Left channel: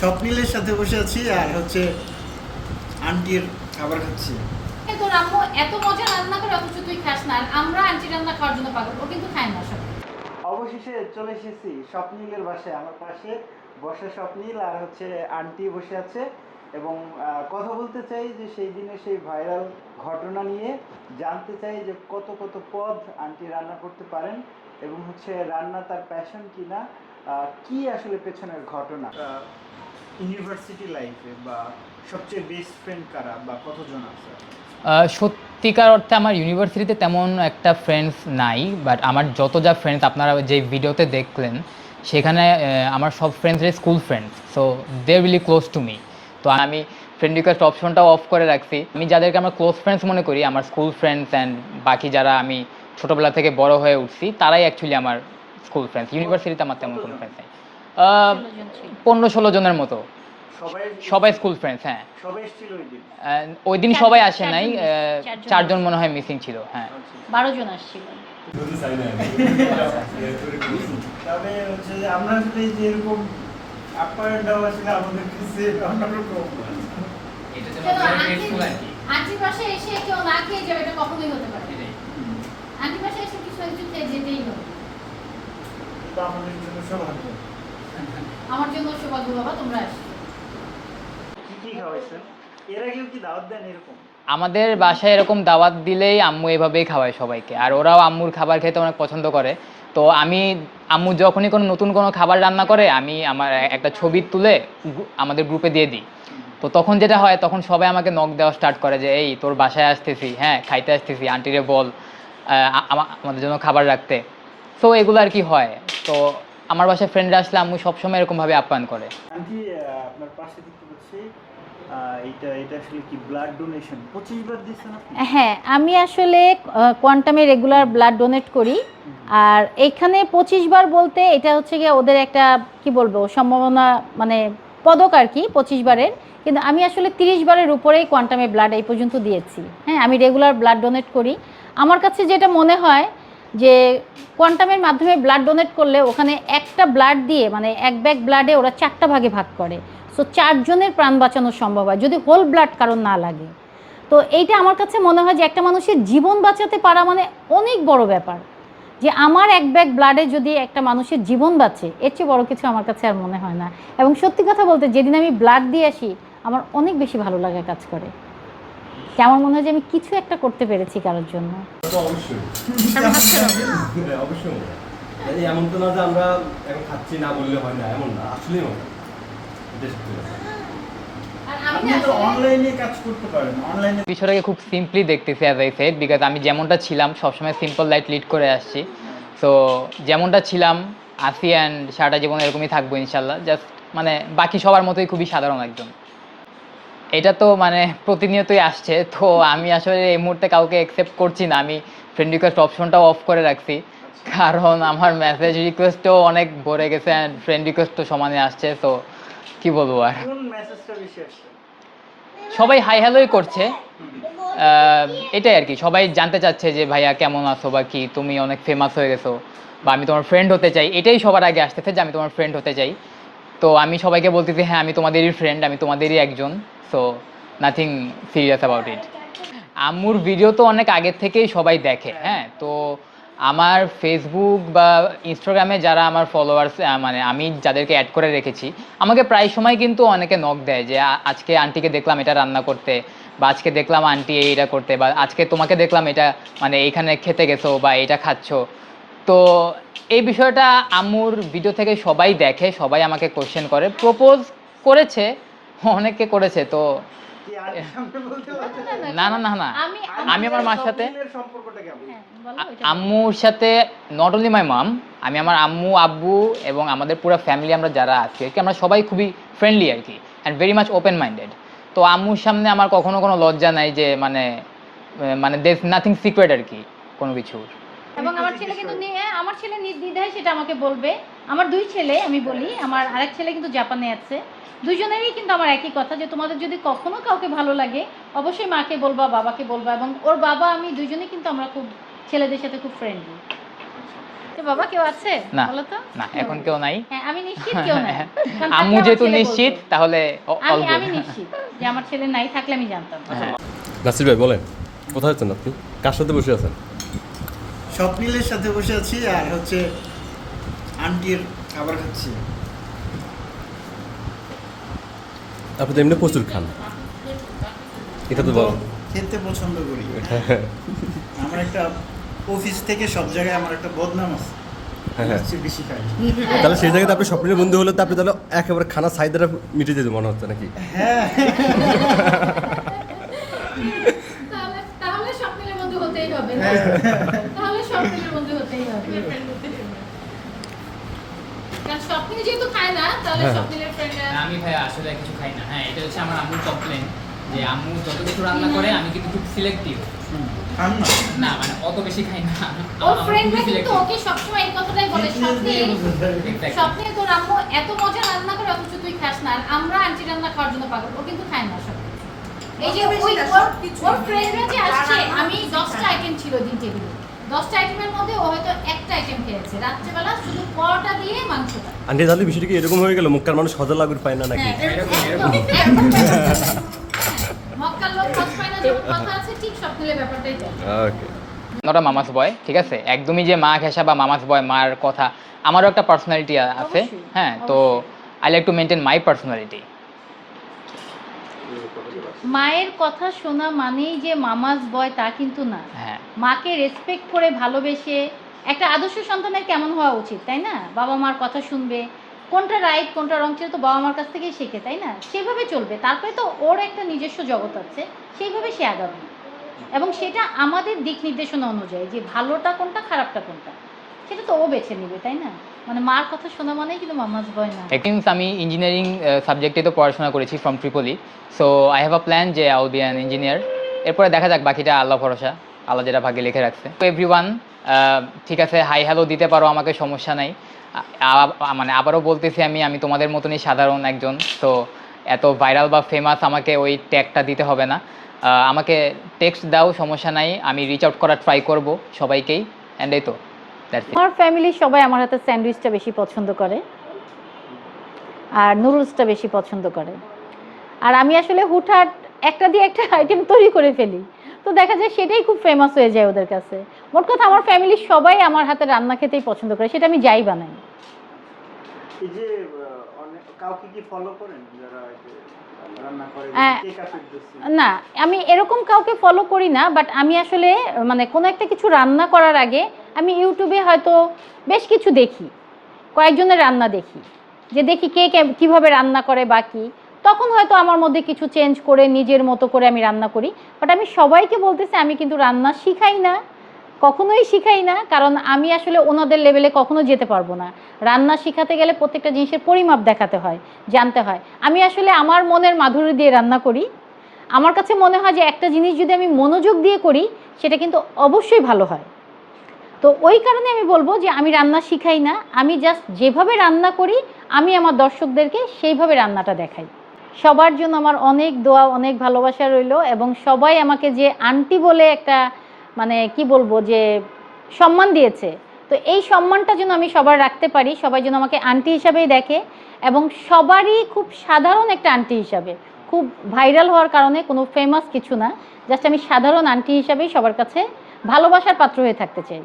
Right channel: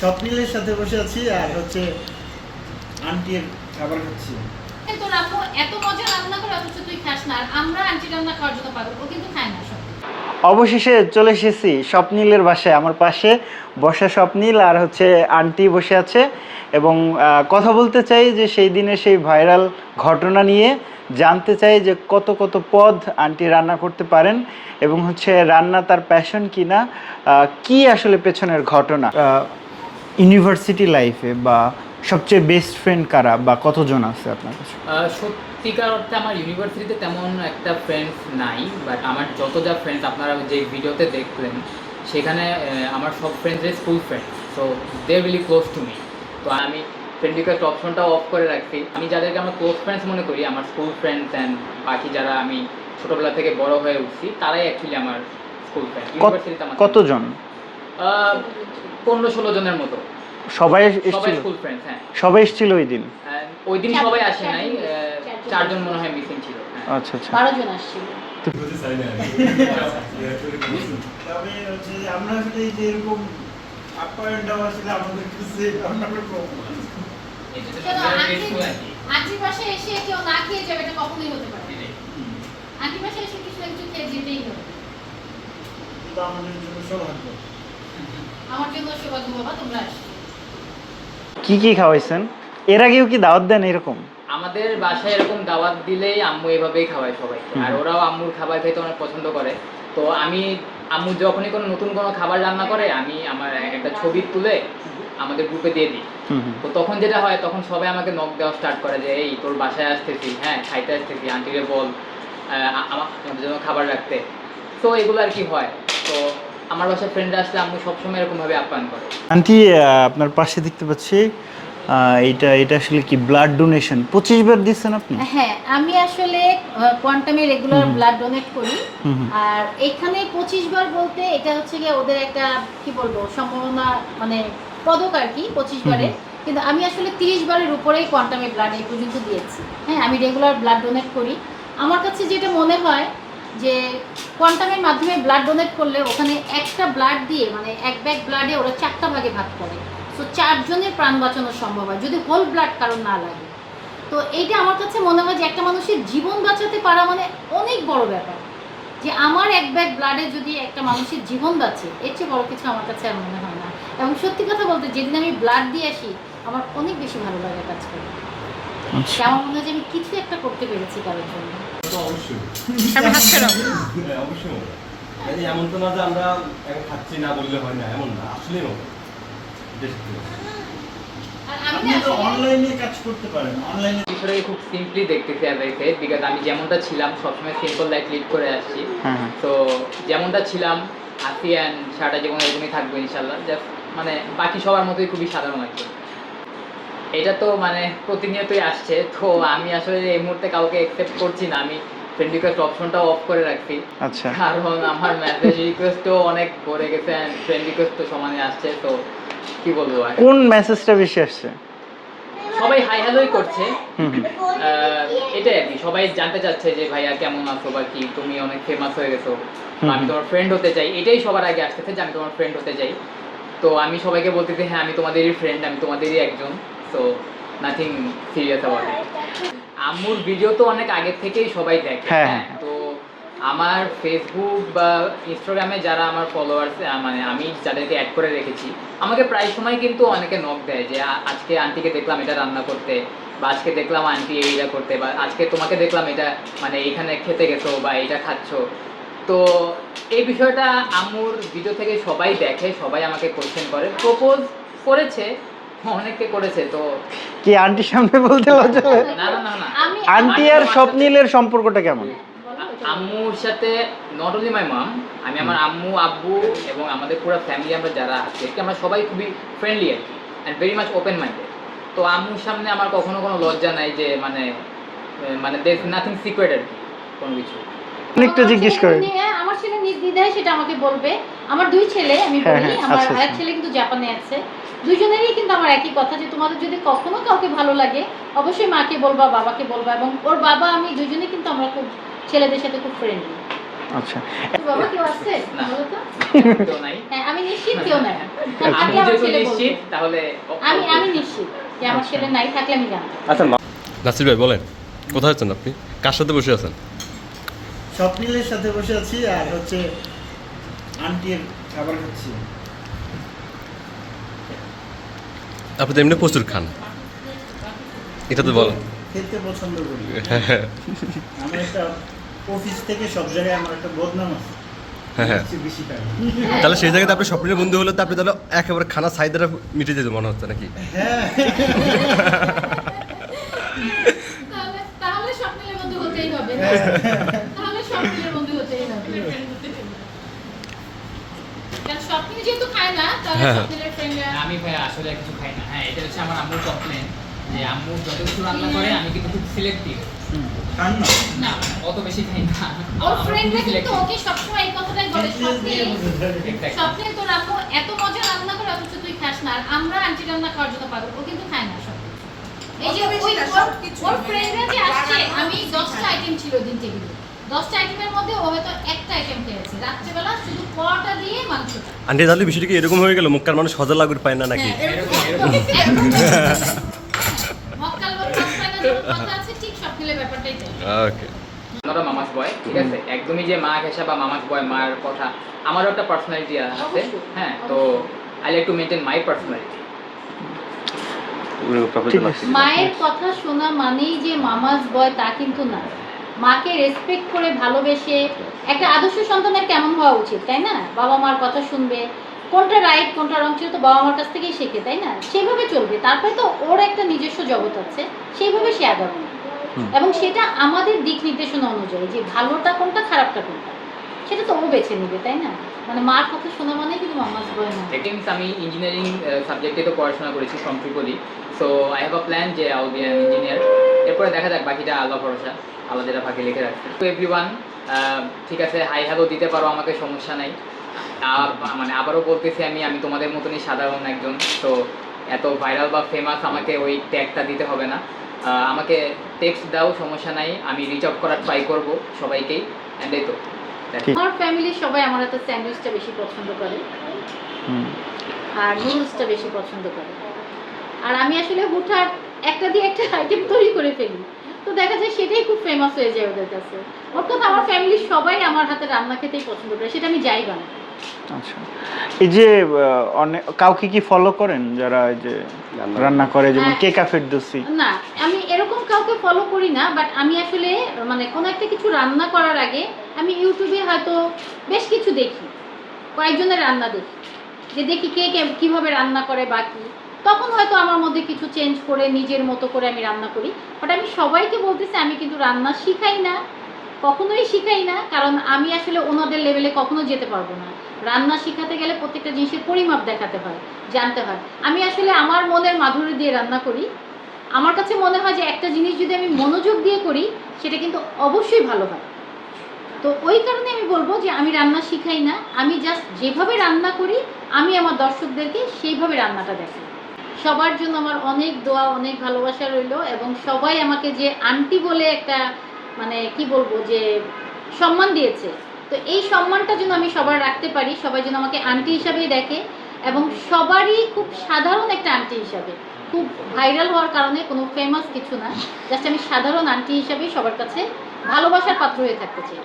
স্বপ্নিলের সাথে বসে আছি আর হচ্ছে আন্টির খাবার খাচ্ছি। তোর আম্মু এত মজা রান্না করে অথচ তুই খাস না আর আমরা আন্টি রান্না খাওয়ার জন্য পাগল ও কিন্তু খায় না সব। অবশেষে চলে এসেছি স্বপ্নীলের বাসায় আমার পাশে বসা স্বপ্নীল আর হচ্ছে আন্টি বসে আছে এবং কথা বলতে চাই যে সেই দিনে সেই ভাইরাল ঘটনা নিয়ে জানতে চাই যে কত কত পদ আন্টি রান্না করতে পারেন এবং হচ্ছে রান্না তার প্যাশন কিনা কি আসলে পেছনের ঘটনা। ইউনিভার্সিটি লাইফে বা সবচেয়ে বেস্ট ফ্রেন্ড কারা বা কতজন আছে আপনার কাছে? সত্যিকার অর্থে আমার ইউনিভার্সিটিতে তেমন একটা ফ্রেন্ডস নাই বাট আমার যত যা ফ্রেন্ডস আপনারা যে ভিডিওতে দেখলেন সেখানে আমার সব ফ্রেন্ডসরা school friends so they really close to me তো আমি ফ্রেন্ড রিকোয়েস্ট অপশনটাও অফ করে রাখছি। আমি যাদেরকে আমার ক্লোজ ফ্রেন্ডস মনে করি আমার স্কুল ফ্রেন্ডস অ্যান্ড বাকি যারা আমি ছোটোবেলা থেকে বড় হয়ে উঠছি তারাই অ্যাকচুয়ালি আমার স্কুল ফ্রেন্ড ইউনিভার্সিটিতে আমার কতজন? পনেরো ষোলো জনের মতো। সবাই সবাই এসেছিল? স্কুল ফ্রেন্ডস হ্যাঁ। সবাই এসেছিল ওই দিন? ওই দিন সবাই আসে নাই চারজন মনে হয় মিসিং ছিল হ্যাঁ। আচ্ছা আচ্ছা। বারো জন আসছিল। তবে হচ্ছে আমরা আসলে এই যে অ্যান্ড ডাউন আসলে আমাদের কাছে অন্যরকম আন্টি আন্টির এসে কেউ না খেয়ে যাবে এটা কখনোই হতে পারে না। আন্টির এসে কিছু না খেয়ে যেতেই হবে। আমাদের জন্য সৌভাগ্য আমার জন্য সৌভাগ্য বাবা তোমরা আসছো কি কি খাওয়াইছেন? এর আগেও কি দাওয়াত দেন এরকম? আমাদের বাসায় এরকম দাওয়াত দিলেই আম্মু এভাবেই খাওয়ায় সবাইকে। আর ওরাও আম্মুর খাবার খেতে অনেক পছন্দ করে। তো আমি আম্মু যখনই কোনো নতুন কোনো খাবার রান্না করে আমি আমার একটা ছবি তুলে আমাদের গ্রুপে দিয়ে দিই। তো তখন যেটা হয় তখন সবাই আমাকে নক দেওয়া স্টার্ট করে যে এই তোর বাসায় আসতেছি হ্যাঁ খাইতে আসতেছি আন্টিরে বল আমাদের জন্য খাবার রাখতে। তো এগুলো আর কি হয়। তো আমার বাসায় ফ্রেন্ডরা আসলে আম্মু সবসময় এরকমভাবে আপ্যায়ন করে। আন্টি আপনার পাশে দেখতে পাচ্ছি এটা এটা আসলে কি ব্লাড ডোনেশন পঁচিশ বার দিচ্ছেন আপনি? হ্যাঁ আমি আসলে কোয়ান্টামে রেগুলার ব্লাড ডোনেট করি। আর এখানে পঁচিশ বার বলতে এটা হচ্ছে গিয়ে ওদের একটা কি বলব সম্ভাবনা মানে পদক আর কি পঁচিশ বারের। কিন্তু আমি আসলে তিরিশ বারের উপরেই কোয়ান্টামে ব্লাড এই পর্যন্ত দিয়েছি। হ্যাঁ আমি রেগুলার ব্লাড ডোনেট করি। আমার কাছে যেটা মনে হয় যে কোয়ান্টামের মাধ্যমে ব্লাড ডোনেট করলে ওখানে একটা ব্লাড দিয়ে মানে এক ব্যাগ ব্লাডে ওরা চারটা ভাগে ভাগ করে। সো চারজনের প্রাণ বাঁচানো সম্ভব হয়, যদি হোল ব্লাড কারণ না লাগে। তো এইটা আমার কাছে মনে হয় যে একটা মানুষের জীবন বাঁচাতে পারা মানে অনেক বড় ব্যাপার। যে আমার এক ব্যাগ ব্লাডে যদি একটা মানুষের জীবন বাঁচে, এর চেয়ে বড় কিছু আমার কাছে আর মনে হয় না। এবং সত্যি কথা বলতে, যেদিন আমি ব্লাড দিয়ে আসি, আমার অনেক বেশি ভালো লাগে কাজ করে। আমার মনে হয় যে আমি কিছু একটা করতে পেরেছি কারোর জন্য। অবশ্যই। হ্যাঁ, অবশ্যই। মানে এমন তো না যে আমরা এখন খাচ্ছি না বললে হয় না এমন না তো আসলে- অনলাইনে কাজ করতে পারেন অনলাইনে বিষয়টাকে খুব সিম্পলি দেখতেছি অ্যাজ আই সেড বিকজ আমি যেমনটা ছিলাম সবসময় সিম্পল লাইফ লিড করে আসছি। হ্যাঁ। হ্যাঁ তো যেমনটা ছিলাম আসি অ্যান্ড সারাটা জীবন এরকমই থাকব ইনশাল্লাহ জাস্ট মানে বাকি সবার মতোই খুবই সাধারণ একজন। এটা তো মানে প্রতিনিয়তই আসছে তো আমি আসলে এই মুহূর্তে কাউকে অ্যাকসেপ্ট করছি না। আমি ফ্রেন্ড রিকোয়েস্ট অপশনটাও অফ করে রাখছি। আচ্ছা। কারণ আমার মেসেজ রিকোয়েস্টও অনেক ভরে গেছে অ্যান্ড ফ্রেন্ড রিকোয়েস্ট তো সমানে আসছে তো কি বলব আর? কোন মেসেজটা বেশি আসছে? সবাই হাই হ্যালোই করছে। এটাই আর কি। সবাই জানতে চাচ্ছে যে ভাইয়া কেমন আছো বা কি? তুমি অনেক ফেমাস হয়ে গেছো বা আমি তোমার ফ্রেন্ড হতে চাই। এটাই সবার আগে আসতেছে যে আমি তোমার ফ্রেন্ড হতে চাই। তো আমি সবাইকে বলতেছি হ্যাঁ আমি তোমাদেরই ফ্রেন্ড আমি তোমাদেরই একজন। So nothing serious about it আম্মুর ভিডিও তো অনেক আগের থেকেই সবাই দেখে হ্যাঁ। হ্যাঁ? তো আমার ফেসবুক বা ইনস্টাগ্রামে যারা আমার ফলোয়ার্স মানে আমি যাদেরকে অ্যাড করে রেখেছি আমাকে প্রায় সময় কিন্তু অনেকে নক দেয় যে আজকে আন্টিকে দেখলাম এটা রান্না করতে বা আজকে দেখলাম আন্টি এইটা করতে বা আজকে তোমাকে দেখলাম এটা মানে এইখানে খেতে গেছো বা এইটা খাচ্ছো। তো এই বিষয়টা আম্মুর ভিডিও থেকে সবাই দেখে সবাই আমাকে কোশ্চেন করে প্রপোজ করেছে অনেকে করেছে তো কি আন্টির সামনে বলতে লজ্জা না না না না। আন্টি আর স্বপ্নীলের সম্পর্কটা কেমন? আম্মুর সাথে নট অনলি মাই মাম আমি আমার আম্মু আব্বু এবং আমাদের পুরো ফ্যামিলি আমরা যারা আছি আর কি আমরা সবাই খুবই ফ্রেন্ডলি আর কি and very much open minded তো আম্মুর সামনে আমার কখনো কোনো লজ্জা নাই যে মানে মানে দের নাথিং সিক্রেট আর কি কোনো কিছু। অনেকটা জিজ্ঞেস করে। আমার ছেলে নির্দ্বিধায় সেটা আমাকে বলবে। আমার দুই ছেলে আমি হ্যাঁ, বলি হ্যাঁ, আমার আচ্ছা, আরেক আচ্ছা। ছেলে কিন্তু জাপানে আছে। দুইজনেরই কিন্তু আমার একই কথা যে তোমাদের যদি কখনো কাউকে ভালো লাগে অবশ্যই মাকে বলবা বাবাকে বলবা এবং ওর বাবা আমি দুইজনেই কিন্তু আমরা খুব ছেলেদের সাথে খুব ফ্রেন্ডলি আচ্ছা। বাবা কেউ আছে? না। বলো তো। এখন কেউ নাই। হ্যাঁ আমি নিশ্চিত কেউ নাই। আমার যেহেতু নিশ্চিত। তাহলে আমি আমি. নিশ্চিত যে আমার ছেলে নাই থাকলে আমি জানতাম। আচ্ছা নাসির ভাই বলেন। কোথায় আছেন আপনি? কার সাথে বসে আছেন? স্বপ্নিলের সাথে বসে আছি আর হচ্ছে আন্টির খাবার খাচ্ছি। আপনি তো এমনি প্রচুর খান। এটা তো বলেন খেতে পছন্দ করি। আমি একটা অফিস থেকে সব জায়গায় আমার একটা বদনাম আছে। হ্যাঁ হ্যাঁ। তাহলে সেই জায়গাতে আপনি স্বপ্নের বন্ধু হলে তো আপনি তাহলে একেবারে খানা সাইডটা মিটে যেতে মনে হচ্ছে নাকি? হ্যাঁ। তাহলে তাহলে স্বপ্নের বন্ধু হতেই হবে তাহলে স্বপ্নের বন্ধু হতেই হবে কারণ স্বপ্নে যেহেতু খায় না তাহলে হ্যাঁ। স্বপ্নের ফ্রেন্ড আমি ভাই আসলে কিছু খাই না। হ্যাঁ এটা হচ্ছে আমার আম্মুর কমপ্লেন যে আম্মু যত কিছু রান্না করে আমি কিন্তু খুব সিলেক্টিভ খান না না মানে অত বেশি খাই না। আমার ফ্রেন্ডরা কিন্তু ওকে সবসময় এই কথাটাই বলে স্বপ্নে স্বপ্নে তোর আম্মু এত মজা রান্না করে অথচ তুই খাস না। আর আমরা আন্টি রান্না খাওয়ার জন্য পাগল ও কিন্তু খায় না সব এই যে ওই ওর- ফ্রেন্ডরা যে আসছে আমি কিছু দশটা আইটেম ছিল দিন টেবিলে। দশটা আইটেমের মধ্যে ও হয়তো একটা আইটেম খেয়েছে। রাত্রেবেলা শুধু পরোটা দিয়ে মাংসটা। আন্টি তাহলে বিষয়টা কি এরকম হয়ে গেল? মুখকার মানুষ সজা লাগুর পায় না নাকি? হ্যাঁ, এরকম, একদম, এরকম। একদম। মক্কার লোক কথা আছে ঠিক সব মিলে ব্যাপারটাই ওকে আমরা মামাস বয় ঠিক আছে? একদমই যে মা ঘেঁষা বা মামাস বয় মার কথা আমারও একটা পার্সোনালিটি আছে। হ্যাঁ তো I like to maintain my personality মায়ের কথা শোনা মানেই যে মামাজ বয় তা কিন্তু না। হ্যাঁ মাকে রেসপেক্ট করে ভালোবেসে একটা আদর্শ সন্তানের কেমন হওয়া উচিত তাই না? বাবা মার কথা শুনবে কোনটা রাইট কোনটা রং ছিল তো বাবা মার কাছ থেকেই শেখে তাই না? সেভাবে চলবে। তারপরে তো ওর একটা নিজস্ব জগৎ আছে সেইভাবে সে আগাবে। এবং সেটা আমাদের দিক নির্দেশনা অনুযায়ী যে ভালোটা কোনটা খারাপটা কোনটা সেটা তো ও বেছে নিবে তাই না? মানে মার কথা শোনা মানেই কিন্তু মামাজ না? আমি ইঞ্জিনিয়ারিং সাবজেক্টে তো পড়াশোনা করেছি from triple E so I have a plan যে I will be an engineer এরপরে দেখা যাক বাকিটা আল্লাহ ভরসা। আল্লাহ যেটা ভাগ্যে লিখে রাখছে। তো এভরিওয়ান ঠিক আছে হাই হ্যালো দিতে পারো আমাকে সমস্যা নাই। মানে আবারও বলতেছি আমি আমি তোমাদের মতনই সাধারণ একজন তো এত ভাইরাল বা ফেমাস আমাকে ওই ট্যাগটা দিতে হবে না। আমাকে টেক্সট দাও সমস্যা নাই আমি রিচ আউট করার ট্রাই করব সবাইকেই অ্যান্ড এই তো আমার ফ্যামিলির সবাই আমার হাতে স্যান্ডউইচটা বেশি পছন্দ করে। হুম। আর নুডলসটা বেশি পছন্দ করে। আর আমি আসলে হুটহাট একটা দিয়ে একটা আইটেম তৈরি করে ফেলি। তো দেখা যায় সেটাই খুব ফেমাস হয়ে যায় ওদের কাছে। মোট কথা আমার ফ্যামিলির সবাই আমার হাতে রান্না খেতেই পছন্দ করে সেটা আমি যাই বানাই। আচ্ছা। এই যে অনেক কাউকে কি ফলো করেন যারা এই যে রান্না করে? যেমন হ্যাঁ। কেকা ফেরদৌসি না আমি এরকম কাউকে ফলো করি না বাট আমি আসলে মানে কোনো একটা কিছু রান্না করার আগে আমি ইউটিউবে হয়তো বেশ কিছু দেখি। কয়েকজনের রান্না দেখি। যে দেখি কে কে- কীভাবে রান্না করে বাকি তখন হয়তো আমার মধ্যে কিছু চেঞ্জ করে, নিজের মতো করে আমি রান্না করি। বাট আমি সবাইকে বলতেছি, আমি কিন্তু রান্না শিখাই না। কখনোই শিখাই না, কারণ আমি আসলে ওনাদের লেভেলে কখনো যেতে পারব না। রান্না শিখাতে গেলে প্রত্যেকটা জিনিসের পরিমাপ দেখাতে হয়, জানতে হয়। আমি আসলে আমার মনের মাধুরী দিয়ে রান্না করি। আমার কাছে মনে হয় যে একটা জিনিস যদি আমি মনোযোগ দিয়ে করি, সেটা কিন্তু অবশ্যই ভালো হয়। তো ওই কারণে আমি বলব যে আমি রান্না শিখাই না। আমি জাস্ট যেভাবে রান্না করি, আমি আমার দর্শকদেরকে সেইভাবে রান্নাটা দেখাই। সবার জন্য আমার অনেক দোয়া, অনেক ভালোবাসা রইল এবং সবাই আমাকে যে আন্টি বলে একটা মানে কি বলব, যে সম্মান দিয়েছে। তো এই সম্মানটা যেন আমি সবার রাখতে পারি, সবাই যেন আমাকে আন্টি হিসাবেই দেখে এবং সবারই খুব সাধারণ একটা আন্টি হিসাবে। খুব ভাইরাল হওয়ার কারণে কোনো ফেমাস কিছু না জাস্ট আমি সাধারণ আন্টি হিসাবেই সবার কাছে ভালোবাসার পাত্র হয়ে থাকতে চাই।